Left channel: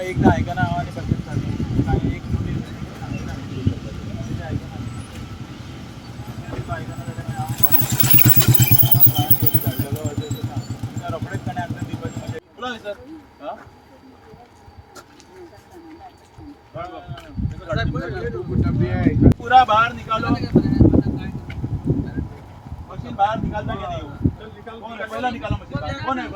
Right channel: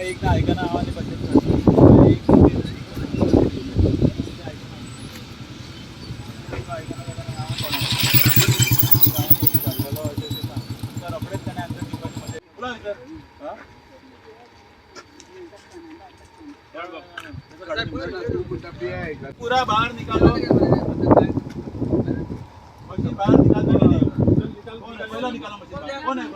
एकदा ऐका ना आम्हाला पूरा बाहर निकालो, मशीन बाहर निकालता कि नहीं? पहला निकालो मशीन बाहर। कौन है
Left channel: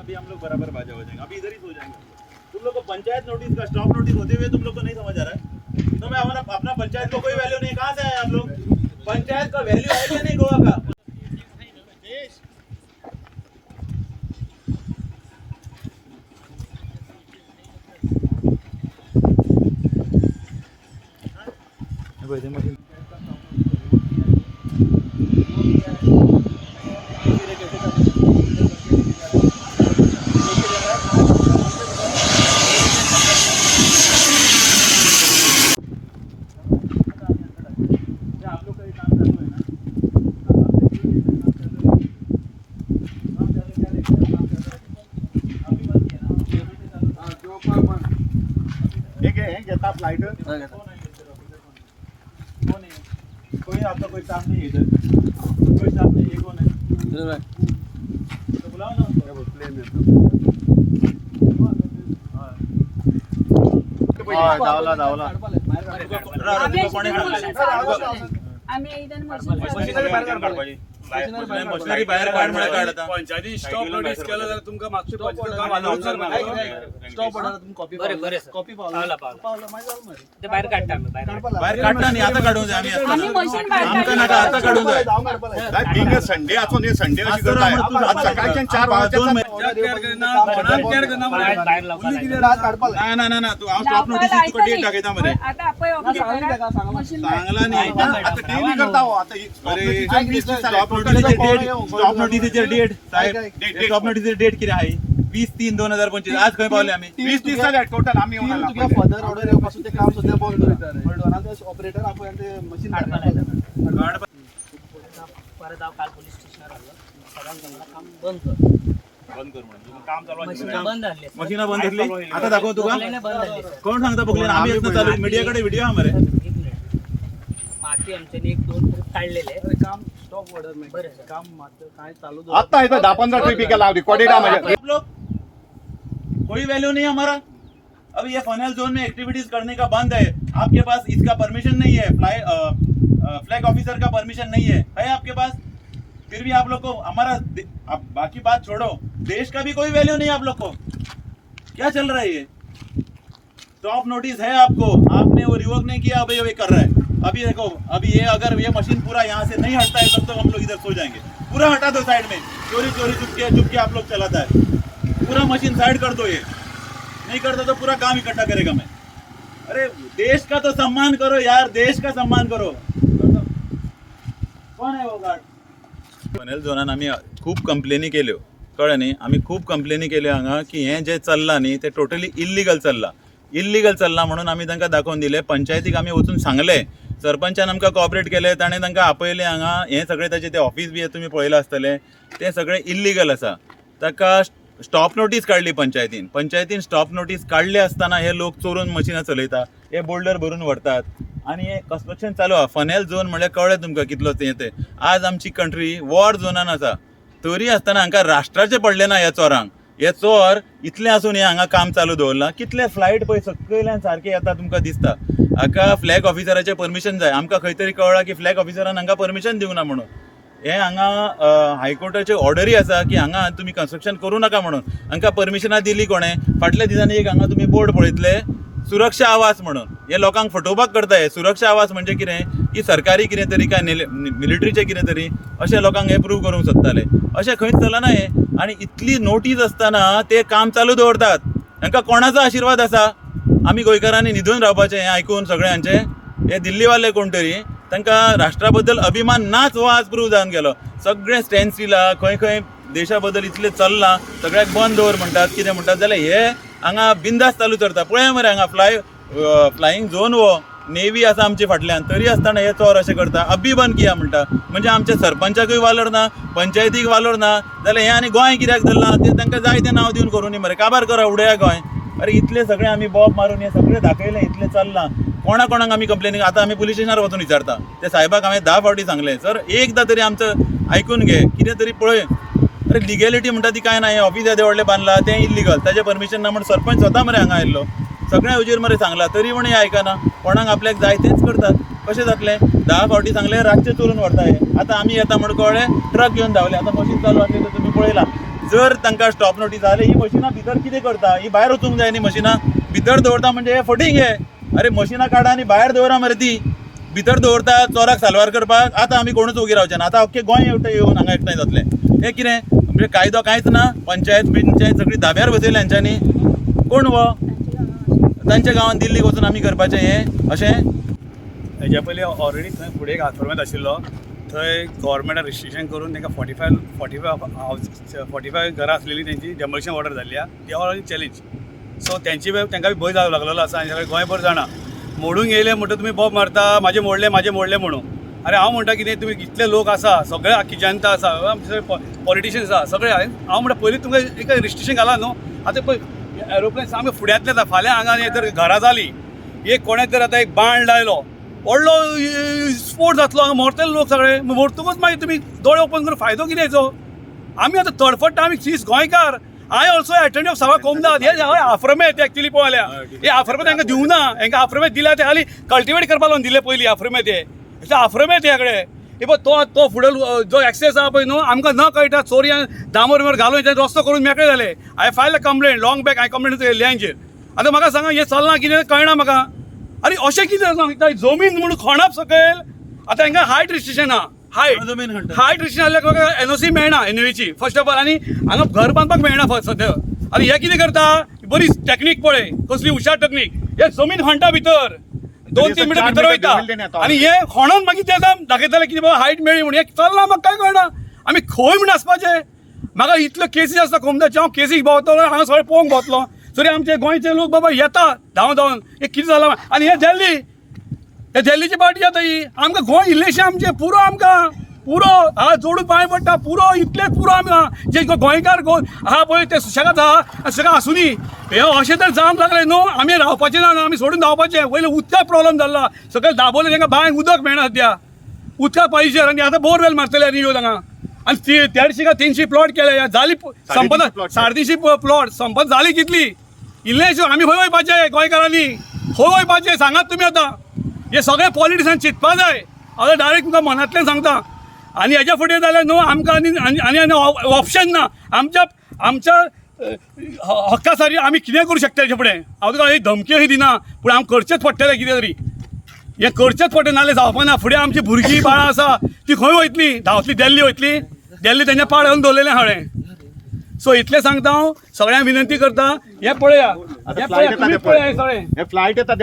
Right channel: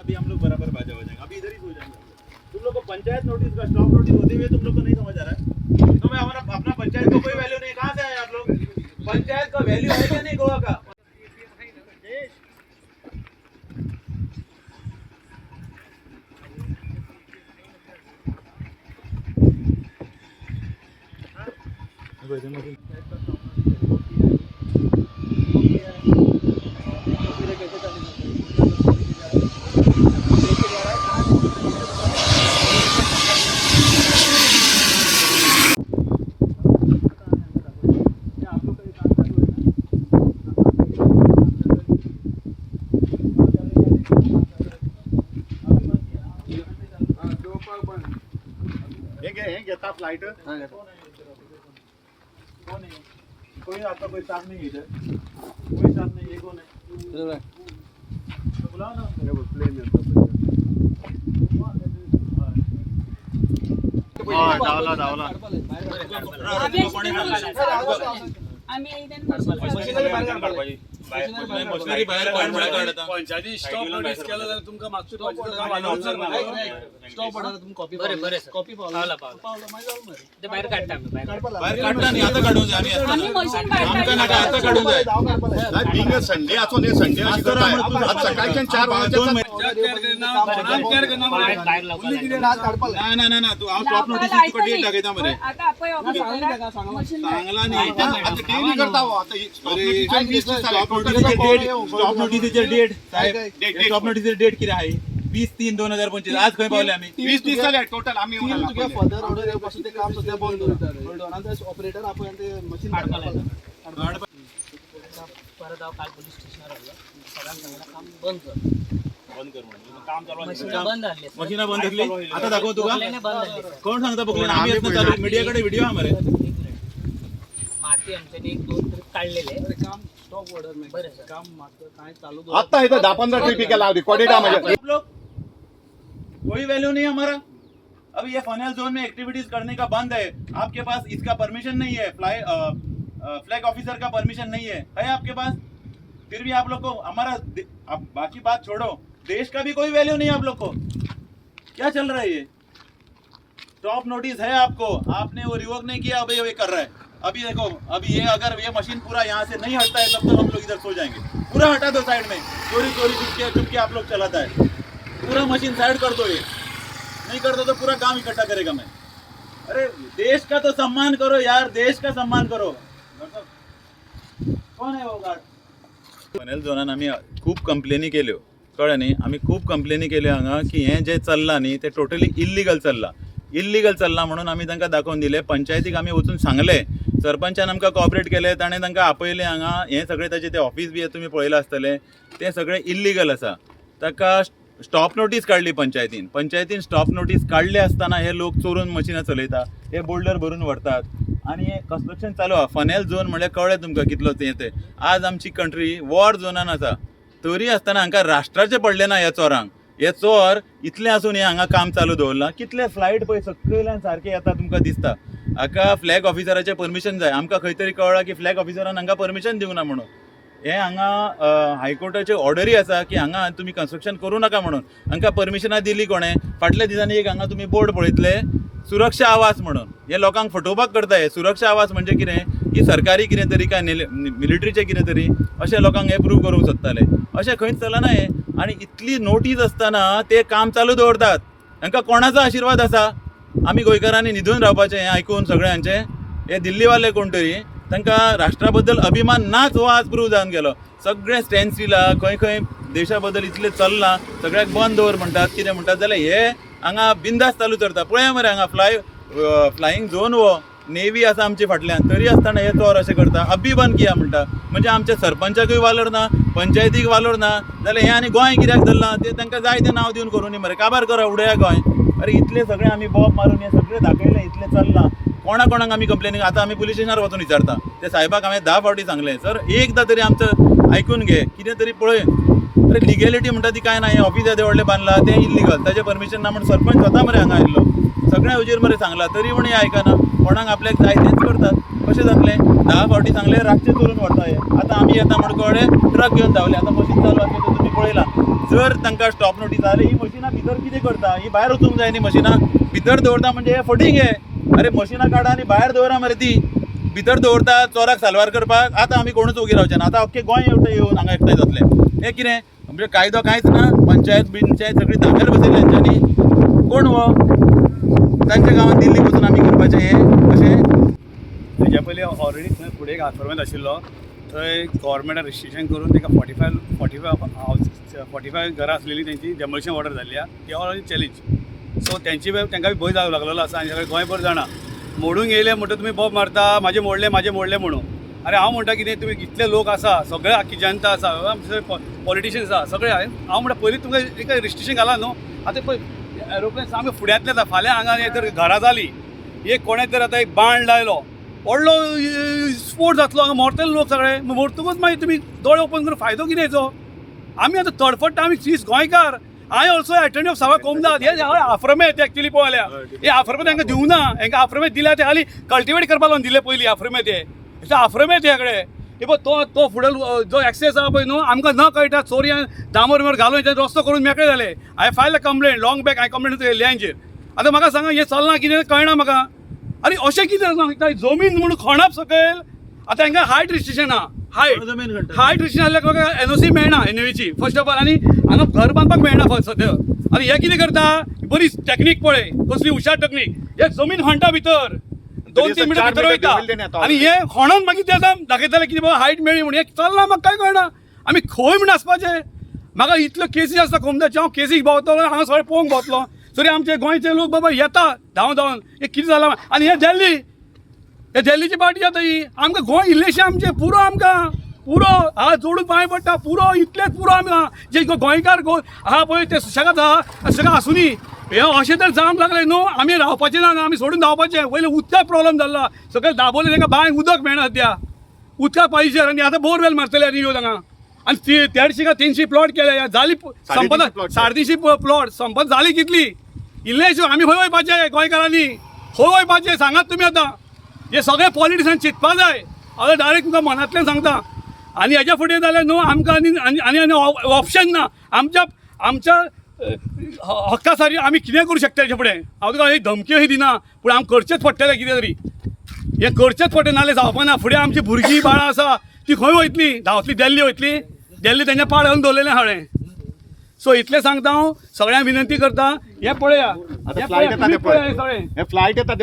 अभी हम लोग बराबर बाजा बजाएंगे, अभी इधर ही सो जाएंगे। तुम लोग को पंचायत नोटिस का स्टॉप नोटिस होते हुए तुम लोग को नहीं समझ आ रहा है? तो मैं हमारा अपना पंचायत को कोई वैल्यू नहीं, कहाँ से आए आप लोग? पंचायत का वैल्यू है क्या नहीं गोवा का? फ्लाइट कौन है? कोई आपका कोई स्टाफ नहीं है इधर, कोई स्टाफ नहीं है। कौन है? तो बुलाओ ना प्लेन में। धावला मशिनरी बाहेर काढता पंचायती स्टॉप नोटीस केलं तर तुमका मागची स्टॉप ऑर्डर तुम्ही कॉपी पावला ते बाहेर काढता बाहेर काढता नाही आता काढून जाय आम्ही आमका नका आता काढून जाय काय बिंग संडे असो ने संडे अशी करताय आज सकाळच्या 4 वाजता नाही तू स्टॉप नोटीस तू डेट टाकायचा मध्ये आता आपण चांगला नाही आता टीव्ही करता हो आता अरे स्टॉप नोटीसचे डेट साहेब स्टॉप नोटीसचे डेट किती आहे? 20/3/2025 आज खंय पावले आम्ही? 20-30 झाले टोटल आम्ही तुझ्या फर्दर ऑर्डर येऊपासून ते काम सध्या बंद होतं ऑपरेटर आपण ते मशीन परत काल पोलीस स्टेशनवर आलो सगळ्यांना काम बंद कर काम चालू मशीन बंद झाली आता दाखव तुका कोण सांगता बघले आम्ही चालू मीडियाकडे व्हिडिओ आमरे माती आमच्याने 1-2 काढलेले काम स्टॉप ऑर्डर में काम मात्र काय चालू आता इधर 10-15 टीपी लाव रिकॉर्डेड है मुझे लोग कोई वैल्यू नहीं हमारा। अब ये फनेल जोन में एक्टिविटीज करने का बंद है, आपके पास इसका परमिशन नहीं है, फ्लैग ऑफिसर का परमिशन नहीं है आपके पास, फिर भी आप लोग को हमारा अब बाकी बात छोड़ो, देश का भी कोई वैल्यू नहीं आप लोग को। क्या चल रहा है ये? स्टॉप नोटिस है आपको, आपने वो रिवोक नहीं किया, अभी ये कर रहा है। अभी देखो अभी ये अगर ये मशीन पूरा यहाँ से नहीं हटता है तब तो हम लोग इधर सो जाएंगे। पूरा हटा दो साइड में, चोरी चुपके आप लोग चलाता है, पूरा मशीन साइड कर दो। ये नहीं करता तो पूरा काम इकट्ठा करेगा मैं। अरे देश का तो सम्मान करो यार, देश का सम्मान करो। कोण आहे वो गार्ड? फनेल जोनान आम्ही खूप कंप्लेनी केल्यो, कळ्ळें न्ही? आम्ही खूप कंप्लेनी केल्यो हांगा की हें जें चल्लां न्ही तें टोटली इल्लिगल चल्लां म्हणून आमी तांकां दाखोवन दिले। पंचायतीक आमी वचून सांगले, सरपंचान आमकां कॉपरेट केले, ताणें तांकां आपयलें हांगा। हें सगळें ताचें तें ऑफिस बी तुमी पळयलां आसतलें, तें सगळें इल्लिगल आसा। ताका स्टॉप नोटीस काढली पंचायतीन स्टॉप नोटीस काढले असताना हे लोक चोरून मशिनां चलयता, हे बोल्डर भरून व्हरतात आणि हे कन्स्ट्रक्शन चालू आहा। फनेल झोन म्हळ्यार कळ्ळें तुमकां कितलो तें आज आमची कंट्री वॉर झोनान आसा, तरी आसतना हांकां राष्ट्राचें पडलें ना ह्या चोरांक। हे चोर इतले आसून हे हांगा काम चालू दवरलां, कितले फ्लायट पळय सकयल्यान सारके येता तुमकां दिसता। हाका फ्लॅग ऑफिसराचें परमिशन जाय, आमकां खंय तरी कळ्ळां की फ्लॅग ऑफिसरान हांकां परमिशन दिवंक ना म्हणून। हे हांगा हायकोर्टाचे ऑर्डरी आसा की हांगा तुमी कन्स्ट्रक्शन करूं नाका म्हणून। हांकां परमिशनां दिली कोणें? फाटल्या दिसांनी एक हांगा तुमी बोर्ड पळयतले, सुरक्षा आवास म्हणून। हे लोकांक फटोवपाक करता हे। सुरक्षा आवास म्हणजे कितें? की सरकारी कितें तरी काय मिलिटरीचें कितें तरी अशें लोकांक हे प्रूव करूंक सोदताले। अशें खंयच चलना हे। आनी इतली नोटीस आसतना ते काम चालू दवरतात। हांकां कोणाचो आशिर्वाद आसा? आमी गोंयकारांनी न्हिदून रावपाचें हें आयकून सगळ्यांचें? हे दिल्लीवाले कोण तरी, तांकां राष्ट्रा बद्दल अभिमान नाच हो आज प्रूव जावन गेलो। सगळे स्टँड स्टिला खंय देशा बद्दल इतले चल्लां सगळ्याक बंद दवर म्हणटात कितें म्हणटात जाल्यार हे हांगा बिंदास चालू करता पळय मरे हांगा फ्लायींग झोन वो नेवी आसा आमचे फाटल्यान तरी आसतना हे चोर अशें करता अब्बी बंद किया म्हणटा म्हणजे आमच्या सरपंचाकूय वालोर ना पंचायतीक वालोर ना जाल्यार हे आनी गोंय कित्याक धरलां ते तांकां जाय तें नांव दिवन करूं न्ही मरे काबार करा उडया गोंय अरे इतले सगळे आमी बॉब मारून हे सगळे दाखयले इतले चल्लां कोणाक आमी कंप्लेनी आतां आमी पुलीस स्टेशनार वचून विचारता ते साहेबाक हांवें 10 फावटी सांगलें सर एकदां तरी आमचं आयकून घे कितें तरी पळय अरे लिगॅलिटी म्हणटा ती काय ना हे ऑफिस येदे व्हडलें बांदलां तें इल्लीगल ताजें परमिशन ना म्हण सरपंच स्वता मरे हांगा आयिल्लो सगळ्या हुजेर मरे सांगलां तरी म्हण हे आयकना कोणाक आपल्याक जाय तेंच करतात कशें जातलें 10 फावटी सांगलें रातचें चोरून व्हरता हे आतां आमी येता म्हण कळ्ळें ट्रक घेवन धांवले आतां मशीन चालू आसली तर तुमी पळयलां जर तांकां स्टॉप नोटीस जाली ही मशिनां भितर कितें करता ही भायर वचूंक जाय न्ही मशिनां भितर दवरता म्हणजे हे फटींग हे अरे मशिनां काडा आनी भायर दवरा मरे ती भितर दवरता चोराक साल्वार करपाक आतां आमी कोणूच उगी रावचे ना आतां अख्खें गोंय येवन हांगा एकठांय जातलें हें कितें म्हणजे कायदो कांयच ना पंचायत सगळी धाब्यार बसयल्या हेंच्यांनी कोण वो तांच्या गांवांत दिल्लीक वचून आमी करपाचें हें अशें तेज्या पयलीं ऑलरेडी थंय फुडें एक आश्रमांत आशिल्लो थंय गव्हर्मेंटान रिस्ट्रिक्शन करून ताका 45 घरां आसलेली तेंची डेमोलिशन ऑर्डर जाल्ली ती ऑलरेडी चॅलेंज सो तांकां भंय जावं लागलेलो आसा आनी सगळें गोंयभर जाणा मोडूंक येयले म्हणटा तुमी बॉब मारता म्हाजें मोडलें म्हणून अरे हांव म्हणटा कितें तुमी इतले लोक आसा सगळे आख्खी जनता आसा आमचे पॉलिटिशियन्स आसा सगळे हांव म्हणटा पयलीं तुमकां एक रिस्ट्रिक्शन घाला न्हू आतां पळय एरोप्लेन सामकें फुड्यांतले येता फाल्यां हांगा जर घरां जाली एक कोणें जर आतां एक बाण लायलो व्हडलो स्फोट जातलो हांगा मरतले लोक सगळे मरतकूच मागीर तुमी दोळे ओपन करून फायदो कितेंचो आमी आतां तडफडटा आमी सीस गोंयकार आय ऑल्सो अटेंड ऑफ सभा कोमदाद हे आफ्रमेत एक्चुअली पळयल्या हे आफ्रमेत तांकां दिवं ना हांकां आफ्रमेत दिल्या ते खाली कल्टिवेट करपा लागून दिले पयलीं आफ्रमेत हे आफ्रमेत हे कडेन हे पळय तो फुडें जो एक्सेस आहा पळय न्हू आमकां न कळटा चोरयां दामोर घालून रस्तो करून मेकळे जाले हांवें फायल कंप्लेंट लॉंग बॅक हांवें कंप्लेंट केली हांचेर आतां म्हाका सांगा हें चलना कितें कळना म्हाका अरे अशें कितें सांगता जमीन म्हणून खणप सकयल आतां हांकां हायट रिस्ट्रिक्शन आहा हायट रिस्ट्रिक्शन आसल्यार म्हाका एनओसी मेळना एनओची फर्स्ट ऑफ ऑल आनी हांगा घर बांदपाक मेळना फर्स्ट सद्या आनी हे कितें करता बरी टॅक्नीक पळय कसली हुशार टॅक्नीक हे जमीन खणटा भितर 2-3 मिटर भितर वयता आनी हे खणून मागीर ते दाखयताले कितें बाबा हायट मेळ्ळी म्हणून हे चलना म्हाका काय कळना आमी खंय म्हण आसपाचें म्हाका इतल्यो केसीस आसता कोमदाचे हांव केसीक भोंवतलो हांगा सगळें पळोवंक भोंवतलो तरी आमचे गोंयचे लोक बाबा येता धांवन हे कितें जालां आनी हे दिल्लीची पार्टी जाता ही आमकां गोंय इल्लेशें आमचें पुरो आमकां पुरो हात जोडून पांय पडटा पुरो इतलेच पुरो आमी जे गोंयकार आहा पळय ते सुशेगाद आहा सगळें आसुनी हे अशें तर जावंक लागलें न्हू आमी रावपाचें ना आमी सोडून धांवपाचें पयलीं उदकाक प्रॉब्लम जाल्लो सगळें दाबोलें तांकां बांयक उदक मेळना सद्या उदकाक पाहिजे आनी आतां बोरवेल मारतले रियो हांगा आनी 150 का 300 प्लॉट केले जाली संपत 350 प्लॉट संपत जाली कितली इल्लेशें आमी खंय वयपाचें गोंयकारांनी खंय वयपाचें सांगात तुमी आतां हे सगळे पॉलिटिशन चिंतपा जाय हांव डायरेक्ट तुमकां मनांतल्यान सांगता आनी हेच्या फुडें जाल्यार न्हू आमकां आनी ऑप्शन ना आमच्या हक्का साठी आमी कितें करूं शकता हेच्या फुडें हांव तुका एक धमक्यो ही दिना पूण हांव करचेंच पडटलें कितें तरी हें करचेंच पडटलें नाल्यार जावपाना फुडें आमची भुरगीं बाळां आसा ती खंय वयतली धांवतली दिल्ली वयतली दिल्ली तेंच्या पाड घालून दवरलेलें हांवें सो इतलें सांगता हांव सगळ्यांक विनंती करता हे पळया तुमी पळया सगळें फ्लायट येता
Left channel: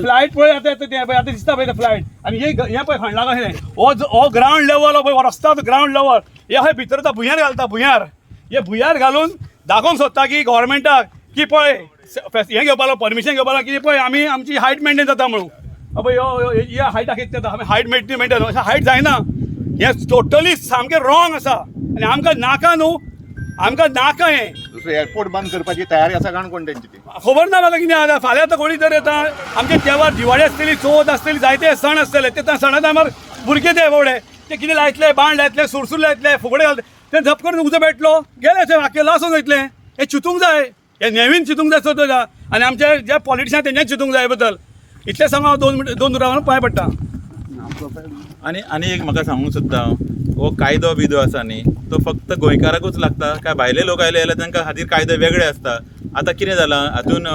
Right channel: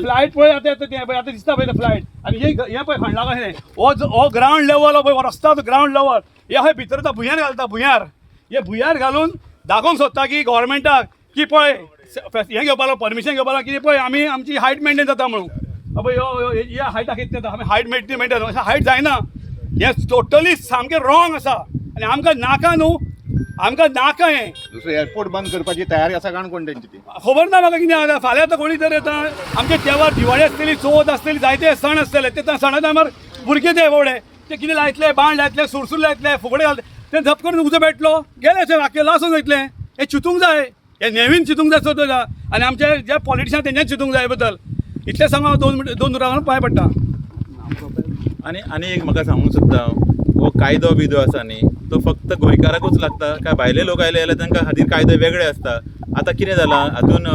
फ्लायट पळय आतां दिसता पळय फ्लायट आनी हे पळय खणला कशें हो ग्रावंड लेवल पळय हो रस्ता ग्रावंड लेवल हे खंय भितर भुंयार घालता हे भुंयार घालून दाखोवंक सोदता की गव्हर्मेंटाक की पळय हें घेवपाक परमिशन घेवपाक की पळय आमी आमची हायट मेंटेन जाता म्हणून पळय ह्या हायटाक कितें जाता आमी हायट मेंटेन अशें हायट जायना हें टोटली सामकें रॉंग आसा आनी आमकां नाका न्हू आमकां नाका हें दुसरो एअरपोर्ट बंद करपाची तयारी आसा काणकोण तेंची ती खबर ना म्हाका कितें आतां फाल्यां आतां कोणी जर येता आमचे तेवार दिवाळी आसतली चवथ आसतली जायते सण आसतले ते सणा टायमार भुरगे ते बावडे ते कितें लायतले बाण लायतले सुरसूर लायतले फुगडे घालतले ते झप करून उजो पेटलो गेले अशें वाक्य लासून वयतले हे चिंतूंक जाय हे नेवीन चिंतूंक जाय चवथा आनी आमचे जे पॉलिटिशन तेंच्याच चिंतूंक जाय बद्दल इतलें सांगून हांव दोन रावन पांय पडटा आनी एक म्हाका सांगूंक सोदता हो कायदो बिदो आसा न्ही तो फक्त गोंयकाराकूच लागता काय भायले लोक आयले जाल्यार तांकां खातीर कायदे वेगळे आसता आतां कितें जालां हातून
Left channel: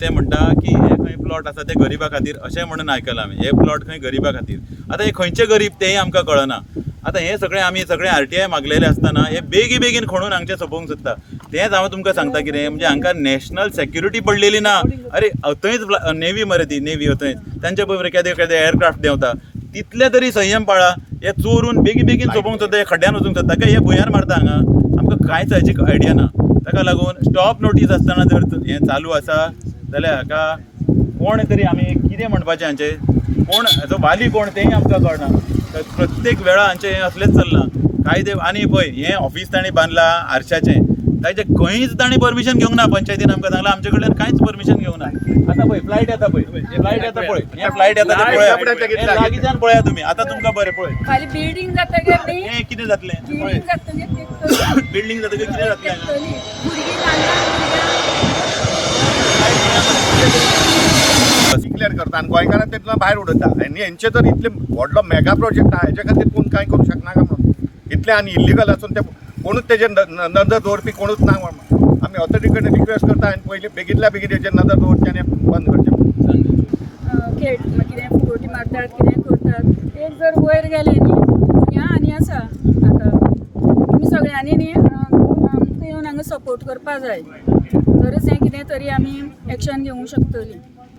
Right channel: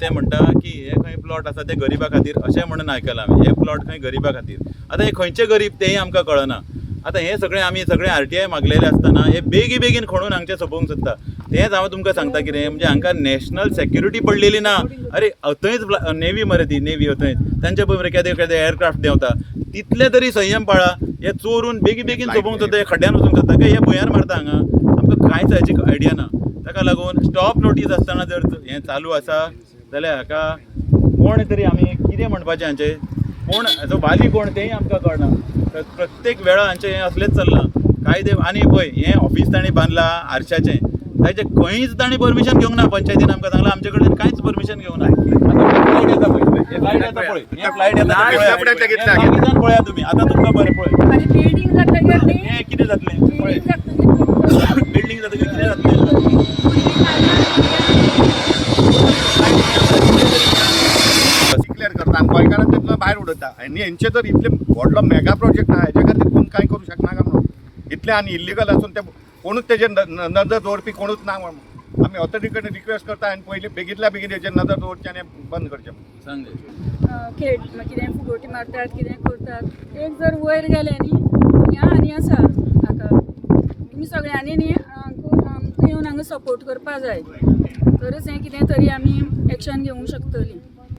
ते म्हणटा की हे खंय प्लॉट आसा ते गरिबा खातीर अशें म्हणून आयकलां हांवें हे प्लॉट खंय गरिबा खातीर आतां हे खंयचे गरीब तेंय आमकां कळना आतां हे सगळें आमी सगळें RTI मागलेले आसतना हे बेगीन खणून हांगचें सोंपोवंक सोदता तेंच हांव तुमकां सांगता कितें म्हणजे हांकां नॅशनल सेक्युरिटी पडलेली ना अरे थंयच नेवी मरे ती नेवी थंयच तांचे पळय केदें एअरक्राफ्ट देंवता तितले तरी संयम पाळा हे चोरून बेगीन सोंपोवंक सोदता हे खड्ड्यान वचूंक सोदता काय हे भुंयार मारता हांगा आमकां कांयच हाची आयडिया ना. ताका लागून स्टॉप नोटीस आसतना जर हें चालू आसा जाल्यार हाका कोण तरी आमी कितें म्हणपाचें हांचें, कोण हाचो वाली कोण तेंय आमकां कळना. प्रत्येक वेळा हांचें हें असलेंच चल्लां. कायदे आनी पळय हें ऑफिस ताणें बांदलां आरशाचें, ताचें खंयच ताणें परमिशन घेवंक ना. पंचायतीन आमकां सांगलां आमचे कडल्यान कांयच परमिशन घेवंक ना. आतां फ्लायट येता पळय, फ्लायट येता पळय, हें फ्लायट येता तें पळया, हें लागींच्यान पळया तुमी. आतां तुमकां बरें पळय खाली बिल्डिंग जातकीर न्ही, हें कितें जातलें बिल्डिंग जातकीर बिल्डींग जातकीर कितें जातलें. क्लियर करता आनी गोंयकारांक तितलो भायर उडयता. आनी हेंचे जर इतले व्हडलो मेगा प्रोजेक्ट आहा हेच्या खातीर पूण कांय करूं शकना काय म्हणून. इतले आनी इल्लीगल आसून ते कोणूच तेजेर नजर दवरपी कोणूच ना म्हणून आमी ऑथॉरिटी कडेन रिक्वेस्ट करता आनी पयलीं बेगींतल्या बेगीन हेचेर नजर दवरचें आनी बंद करचें. खेळ कितें फुगोटी मारतात कितें करतात. एक जर वयर गेले न्ही भुरग्यां आनी आसा हाका तुमी सगळ्यांनी न्ही येवन हांगा सपोर्ट करपा जाय. तरच हें कितें तरी आमी एक्शन घेवंक शकतलीं.